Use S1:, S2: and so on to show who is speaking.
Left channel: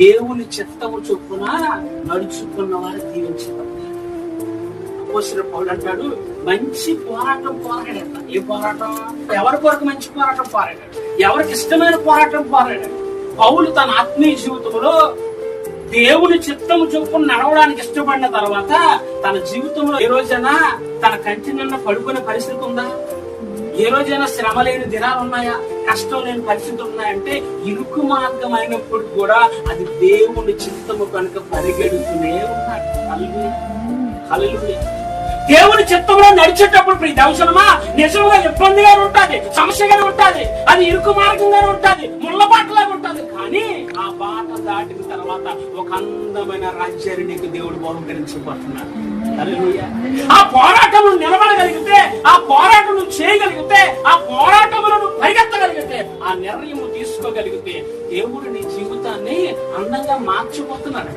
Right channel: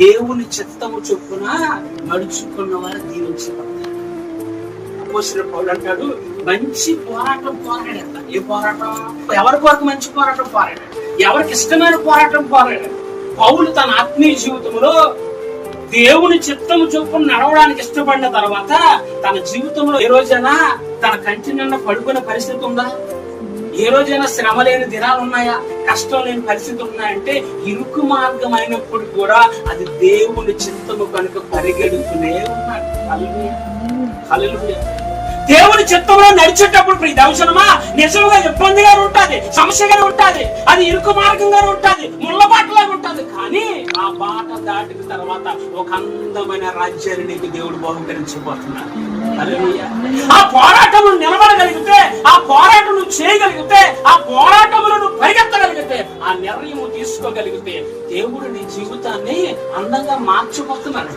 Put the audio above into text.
S1: దేవుని చిత్తము చొప్పున నడుచుకున్న వారు దీవించబడతారు అపోసిన పౌలు అంటాడు మంచి పోరాటం పోరాడట ఏ పోరాటం? ఎవరి కొరకు మంచి పోరాటం పోరాడాడు? ఎవరికి ఇష్టమైన పోరాటం పోరాడాడు? పౌలు తన ఆత్మీయ జీవితంలో దేవుని చిత్తము చొప్పున నడవడానికి ఇష్టపడిన తర్వాత తన జీవితంలో ఏ రోజైనా తన కంటి నిన్న పడుకునే పరిస్థితి ఉందా? ఏ రోజైనా శ్రమ లేని దినాలు ఉన్నాయా? కష్టం లేని పరిస్థితులు ఉన్నాయంటే ఇరుకు మార్గం అయినప్పుడు కూడా అది దేవుని చిత్తము కనుక పరిగెడుతూనే ఉన్నాడు. దేవుని చిత్తంలో నడిచేటప్పుడు ప్రియ దర్శనమా? నిజంగా ఇబ్బందిగా ఉంటుంది సమస్యగా ఉంటుంది అది ఇరుకు మార్గంగా ఉంటుంది ముళ్ళ బాటలాగా ఉంటది. కానీ ఆ బాట దాటిన తర్వాత ఒక అందమైన రాజ్యాన్ని నీకు దేవుడు బహుకరించబోతున్నాడు. ఆ పోరాటం నిలబడగలిగితే ఆ ఆ నిర్ణయం తీసుకోగలిగితే దేవుడు నీ జీవితాన్ని అందంగా మార్చిపోతున్నాడు